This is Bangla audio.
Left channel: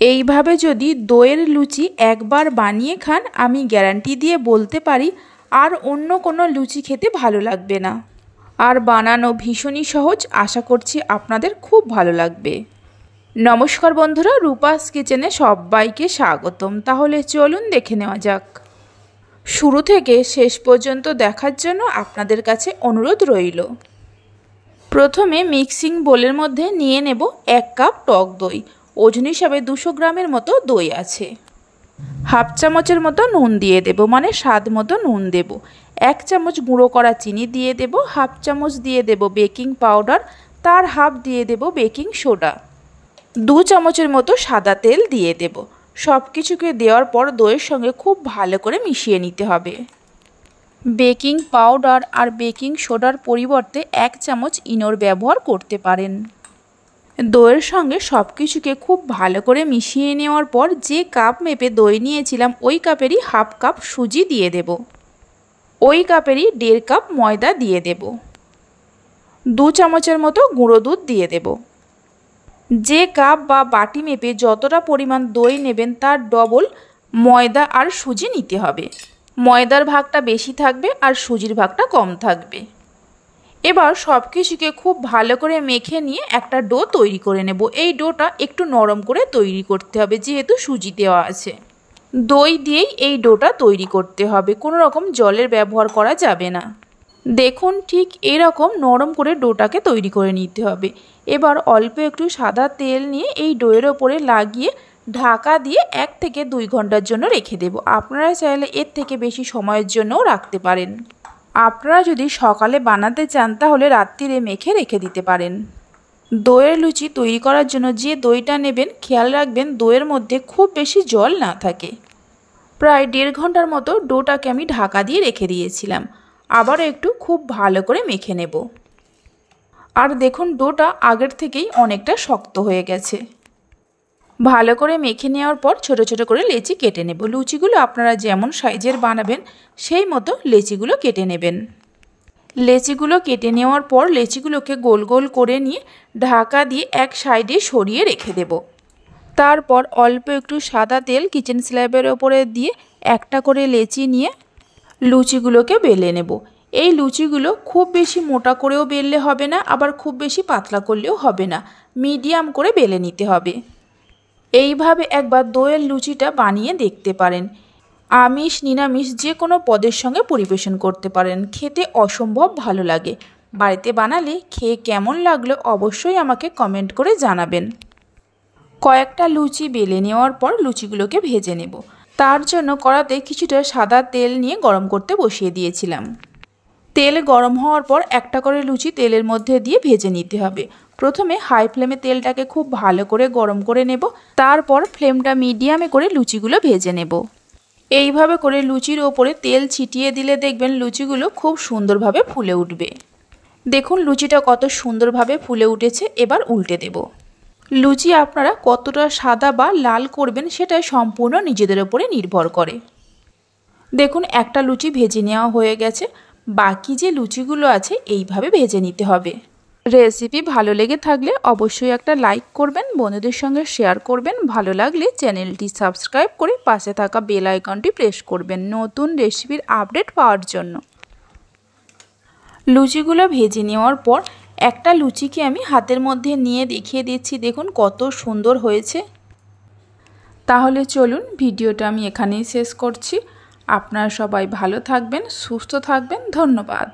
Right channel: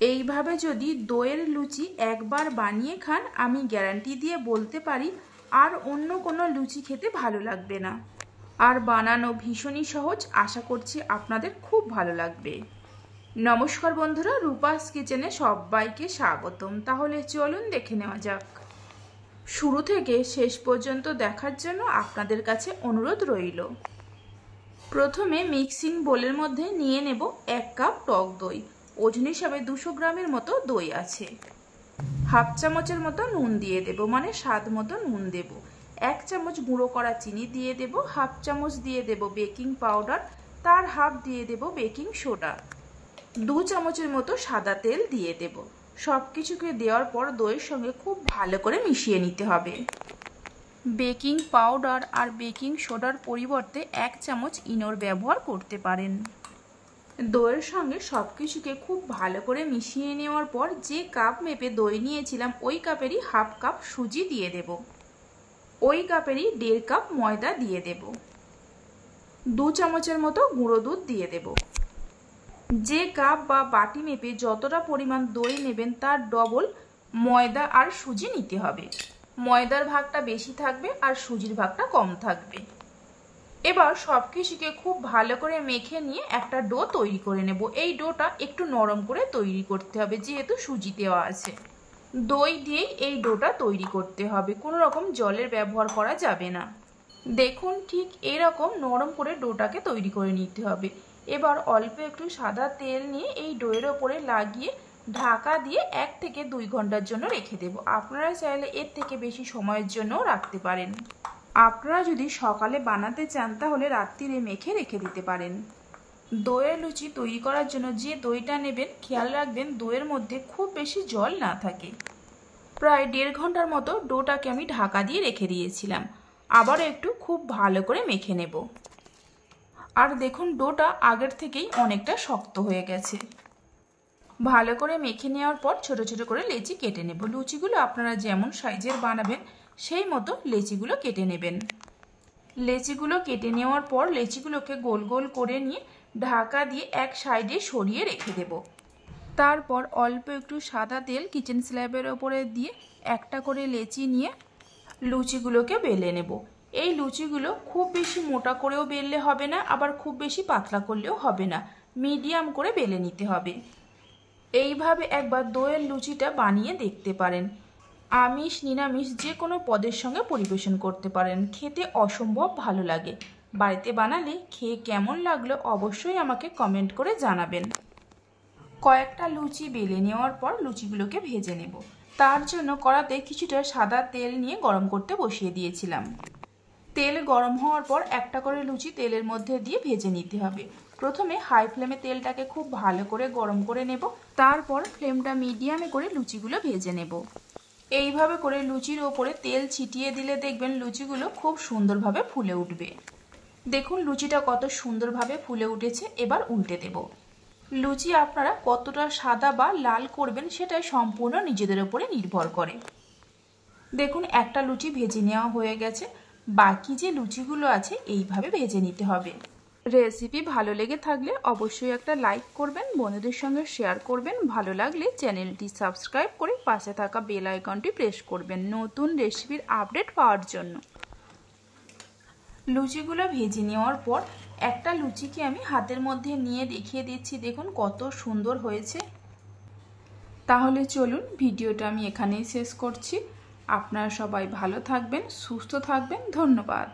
এইভাবে যদি দইয়ের লুচি একবার বানিয়ে খান, আমি গ্যারান্টি দিয়ে বলতে পারি আর অন্য কোনো লুচি খেতে ভালো লাগবে না। আর বানানো ভীষণই সহজ, আশা করছি আপনাদের খুব ভালো লাগবে। নমস্কার বন্ধুরা, রূপাস কিচেনে সবাইকে স্বাগতম। তাহলে চলুন দেখে নেওয়া যাক। শুরু থেকে শেষ পর্যন্ত দেখার জন্য আপনাদের কাছে অনুরোধ রইল। প্রথমে মিক্সিং বোলের মধ্যে নিয়ে নেব 1 কাপ টক দই। ওজন হিসাবে 200 গ্রামের মতো দই আছে। হাফ চামচের মতো নুন দিয়ে দেব, মানে স্বাদ মতো নুন দেব। 1 চামচ গুঁড়ো করা চিনি দিয়ে দেব। হাফ চামচ দিয়ে দেব বেকিং পাউডার, তার হাফ দিয়ে দেব বেকিং সোডা। 2 চামচের মতো সাদা তেল দিয়ে দেব। সব কিছুকে দেওয়ার পর দইয়ের সঙ্গে খুব ভালো করে মিশিয়ে নিতে হবে। বেকিং পাউডার আর বেকিং সোডার পরিবর্তে 1 চামচ ইনোর ব্যবহার করতে পারেন। দইয়ের সঙ্গে সব কিছুকে খুব ভালো করে মিশিয়ে নেওয়ার পর যে কাপ মেপে দই নিয়েছিলাম ওই কাপেরই হাফ কাপ সুজি দিয়ে দেব। ওই কাপেরই 1.5 কাপ ময়দা দিয়ে দেব। 2 চামচের মতো গুঁড়ো দুধ দিয়ে দেব। যে কাপ বা বাটি মেপে যতটা পরিমাণ দই নেবেন তার ডবল ময়দা আর সুজি নিতে হবে। ময়দার ভাগটা বেশি থাকবে আর সুজির ভাগটা কম থাকবে। এবার সব কিছুকে খুব ভালো করে মেখে নিয়ে একটা ডো তৈরি করে নেব। এই ডোটা একটু নরম করে তৈরি করতে হবে, যেহেতু সুজি দেওয়া আছে। দই দিয়েই এই ডোটা তৈরি করতে হবে, কোনো রকম জলের ব্যবহার করা যাবে না। দেখুন, ঠিক এরকম নরম করে ডোটাকে তৈরি করে নিতে হবে। এবার অল্প একটু সাদা তেল নিয়ে এই ডোয়ের ওপরে লাগিয়ে ঢাকা দিয়ে 1 থেকে 2 ঘন্টার জন্য রেখে দেব। আপনারা চাইলে এর থেকে বেশি সময়ের জন্যও রাখতে পারেন। আপনারা যদি সকালে বানাতে চান তাহলে রাত্রিরে মেখে রেখে দিতে পারেন। দইয়ের লুচি তৈরি করার জন্য যে দইটা নেবেন খেয়াল রাখবেন দইয়ের মধ্যে খুব বেশি জল না থাকে। প্রায় 1.5 ঘন্টার মতো ডোটাকে আমি ঢাকা দিয়ে রেখে দিয়েছিলাম। আবারও একটু খুব ভালো করে মেখে নেব। আর দেখুন, ডোটা আগের থেকেই অনেকটা শক্ত হয়ে গেছে। ভালো করে মেখে নেওয়ার পর ছোট ছোট করে লেচি কেটে নেব। লুচিগুলো আপনারা যেমন সাইজের বানাবেন সেই মতো লেচিগুলো কেটে নেবেন। লেচিগুলো কেটে নেওয়ার পর লেচিগুলোকে গোল গোল করে নিয়ে ঢাকা দিয়ে এক সাইডে সরিয়ে রেখে দেব। তারপর অল্প একটু সাদা তেল কিচেন স্ল্যাবের ওপরে দিয়ে একটা করে লেচি নিয়ে লুচিগুলোকে বেলে নেব। এই লুচিগুলো খুব বেশি মোটা করেও বেললে হবে না, আবার খুব বেশি পাতলা করলেও হবে না, মিডিয়াম করে বেলে নিতে হবে। এইভাবে একবার দইয়ের লুচিটা বানিয়ে দেখতে পারেন। আমিষ নিরামিষ যে কোনো পদের সঙ্গে পরিবেশন করতে পারেন, খেতে অসম্ভব ভালো লাগে। বাড়িতে বানালে খেয়ে কেমন লাগলো অবশ্যই আমাকে কমেন্ট করে জানাবেন। কয়েকটা লুচি বেলে নেওয়ার পর লুচিগুলোকে ভেজে নেব। তার জন্য কড়াতে কিছুটা সাদা তেল নিয়ে গরম করতে বসিয়ে দিয়েছিলাম। তেল গরম হওয়ার পর একটা করে লুচি তেলের মধ্যে দিয়ে ভেজে নিতে হবে। প্রথমে হাই ফ্লেমে তেলটাকে খুব ভালো করে গরম করে নেব, তারপর ফ্লেমটা মিডিয়ামে করে লুচিগুলো ভেজে নেব। এইভাবে করে লুচির ওপরে তেল ছিটিয়ে দিলে দেখবেন লুচিগুলো খুব সুন্দরভাবে ফুলে উঠবে। দেখুন লুচিটা কত সুন্দরভাবে ফুলে উঠেছে। এবার উল্টে দেব। লুচি আপনারা কতটা সাদা বা লাল করবেন সেটা সম্পূর্ণ নিজেদের ওপরে নির্ভর করে। দেখুন একটা লুচি ভেজে নেওয়া হয়ে গেছে। বাকি যে লুচিগুলো আছে এইভাবে ভেজে নিতে হবে। রেসিপি ভালো লেগে থাকলে অবশ্যই একটা লাইক করবেন, বন্ধুদের সঙ্গে শেয়ার করবেন। ভালো লাগলে চ্যানেলটি সাবস্ক্রাইব করে পাশে থাকা বেল আইকনটি প্রেস করবেন নতুন রেসিপির আপডেট পাওয়ার জন্য। লুচিগুলো ভেজে নেওয়ার পর একটা লুচিকে আমি হাতের মধ্যে নিয়ে দেখিয়ে দিচ্ছি। দেখুন কত সুন্দর হয়েছে। তাহলে চলুন ভিডিওটা আমি এখানেই শেষ করছি। আপনারা সবাই ভালো থাকবেন, সুস্থ থাকবেন। ধন্যবাদ।